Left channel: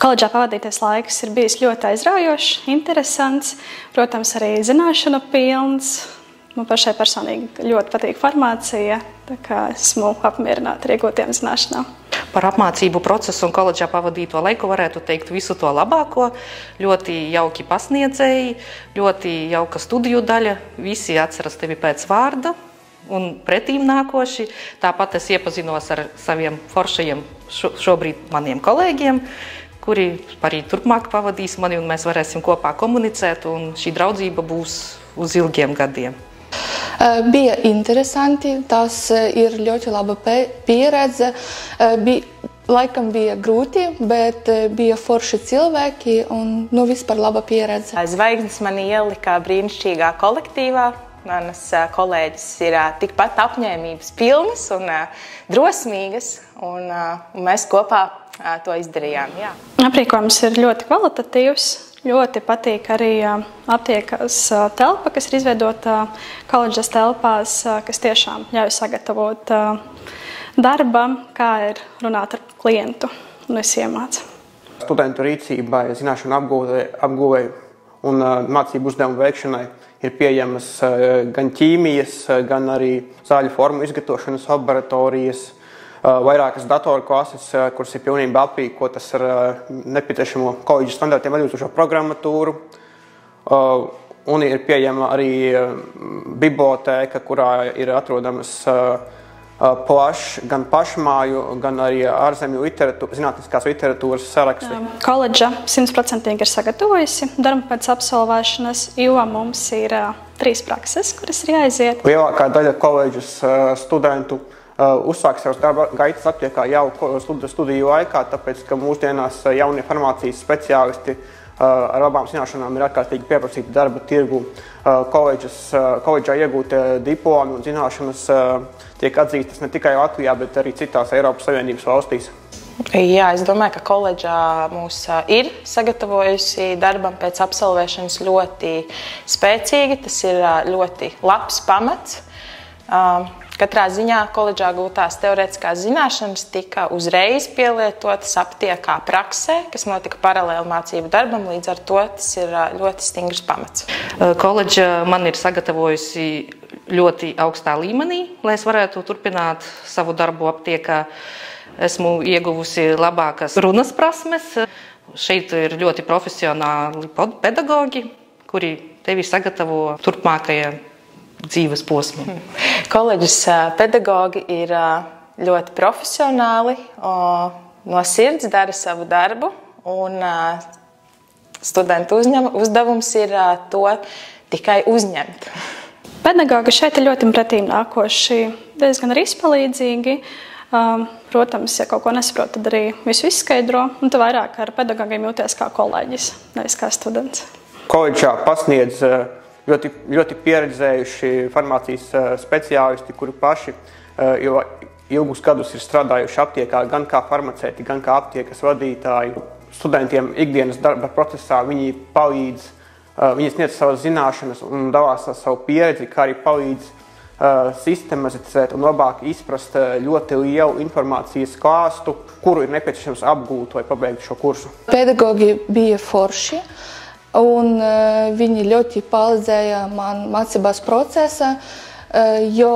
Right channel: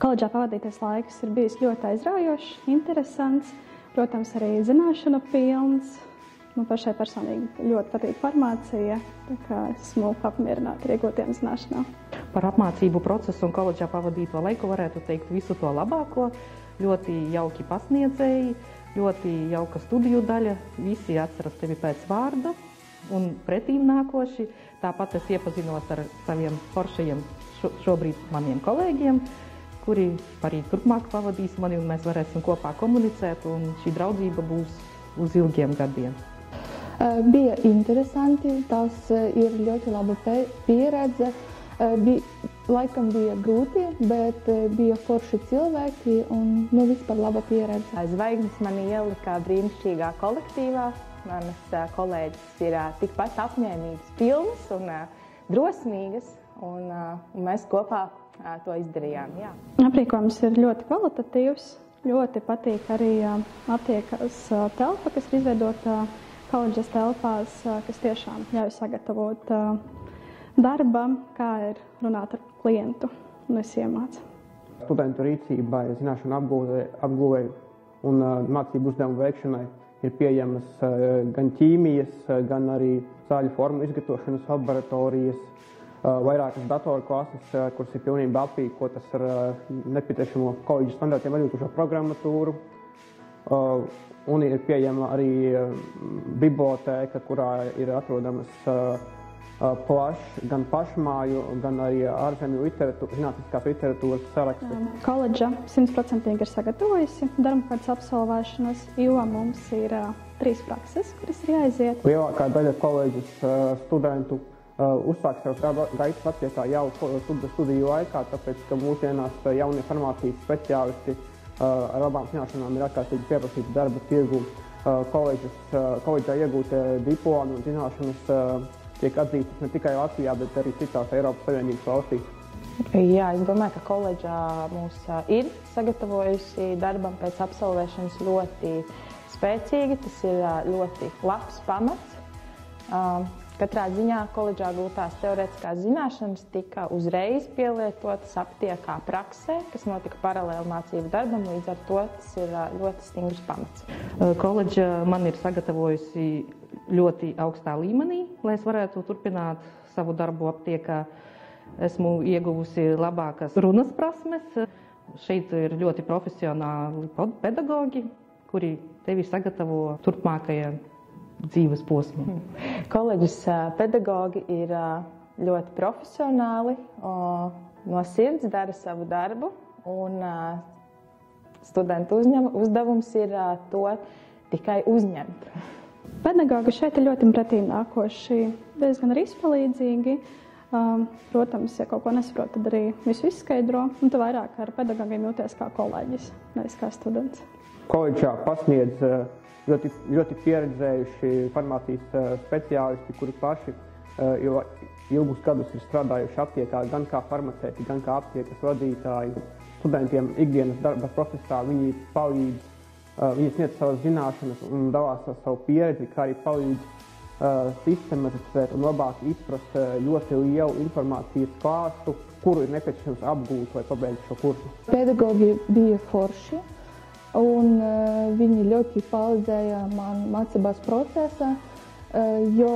Koledžā pavadītais laiks ir bijis ļoti aizraujošs, interesants, protams, arī zināšanu pilns. Man pašai personīgi ļoti patīk farmācija, tā kā esmu apmierināta ar iegūtiem zināšanām. Par apmācību procesu un koledžā pavadīto laiku varētu teikt visu to labāko. Ļoti jauki pasniedzēji, ļoti jauka studiju daļa, visi atceras tevi pēc vārda un pretīm nākoši. Tāpat es iepazinos ar saviem foršajiem šobrīd maniem kolēģiem, kuri arī turpmāk pavadīs mani un mēs varēsim kopā komunicēt un šī draudzība būs uz ilgiem gadiem. Bija interesanti, tas ir ļoti laba pieredze. Laikam bija grūti, bet bija forši cilvēki un vispār laba pieredze. Zvaigznes mani ielika brīnišķīgā kolektīvā. Manas kolēģis ir tikpat apņēmības pilnas un drosmīgas, un mēs kopā to izdarījām. Jā. Aprīkojums ir ļoti kvalitatīvs. Ļoti patīk arī aptiekas telpa, kas ir izveidota koledžas telpās, kas tiešām ļauj sagatavot darbam, kā ir runāt ar klientu un es iemācu. Studentu rīcībai, zināšanu apguvei un mācību uzdevumu veikšanai ir pieejamas gan ķīmijas, gan arī zāļu formu izgatavošanas laboratorijas, vairākas datoru klases, kuras ir pilnībā aprīkotas ar nepieciešamo koledžas standartiem atbilstošo programmatūru. Un ir pieejama arī bibliotēka, kurā ir atrodamas gan pašmāju, gan arī ārzemju zinātniskās literatūras saraksti. Koledža 100% ir sagatavojusi darbu pēc absolvēšanas, jo mums ir 3 prakses, kuras ir jāiziet. Lielākā daļa koledžas studentu uzsāk savas darba gaitas aptiekā jau studiju laikā, tāpēc, ka mūsdienās jaunie farmācijas speciālisti ar labām zināšanām ir ārkārtīgi pieprasīti darba tirgu. Koledžā iegūtie diplomi un zināšanas tiek atzīstas ne tikai Latvijā, bet arī citās Eiropas Savienības valstīs. Jā, es domāju, ka koledžā mūs ir sagatavojusi darbam pēc absolvēšanas ļoti spēcīgi. Tas ir ļoti labs pamats. Katrā ziņā koledžā gūtās teorētiskās zināšanas tika uzreiz pielietotas aptiekā praksē, kas notika paralēli mācību darbam, līdz ar to tas ir ļoti stingrs pamats. Koledža man ir sagatavojusi ļoti augstā līmenī, lai es varētu turpināt savu darbu aptiekā. Esmu ieguvusi labākas runas prasmes. Šeit ir ļoti profesionāli pedagogi, kuri tevi sagatavo turpmākajai dzīves posmu. Koledžas pedagogi ir ļoti profesionāli, no sirds dara savu darbu, un studentu uzdevums ir to tikai uzņemt. Pedagogi šeit ir ļoti pretīmnākoši, diezgan arī izpalīdzīgi. Protams, ja kaut ko nesaprot, tad arī visu izskaidro, un tu vairāk ar pedagogiem jūties kā kolēģis, nevis kā students. Koledžā pasniedz ļoti pieredzējuši farmācijas speciālisti, kuri paši ilgus gadus ir strādājuši aptiekā gan kā farmaceiti, gan kā aptiekas vadītāji. Studentiem ikdienas darba procesā viņi palīdz, viņi sniedz savas zināšanas un dalās ar savu pieredzi, kā arī palīdz sistematizēt un labāk izprast ļoti lielu informācijas klāstu, kuru ir nepieciešams apgūt vai pabeigt šo kursu. Pedagogi bija forši. Un viņi ļoti palīdzēja man mācībās procesā, jo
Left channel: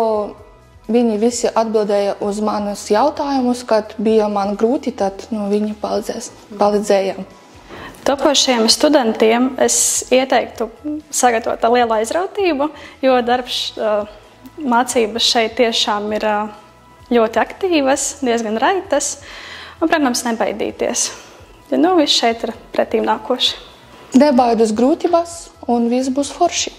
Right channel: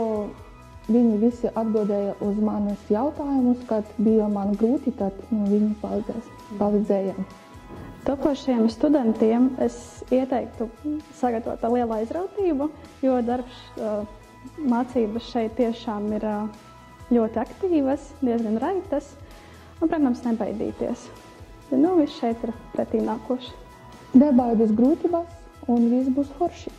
viņi visi atbildēja uz manus jautājumus, kad bija man grūti, tad viņi palīdzēja. Topošiem studentiem es ieteiktu sagatavot ar lielu aizrautību, jo darbs mācības šeit tiešām ir ļoti aktīvas, diezgan raitas, un, protams, nebaidīties. Jo viss šeit ir pretīmnākoši. Nebaidās grūtības un viss būs forši.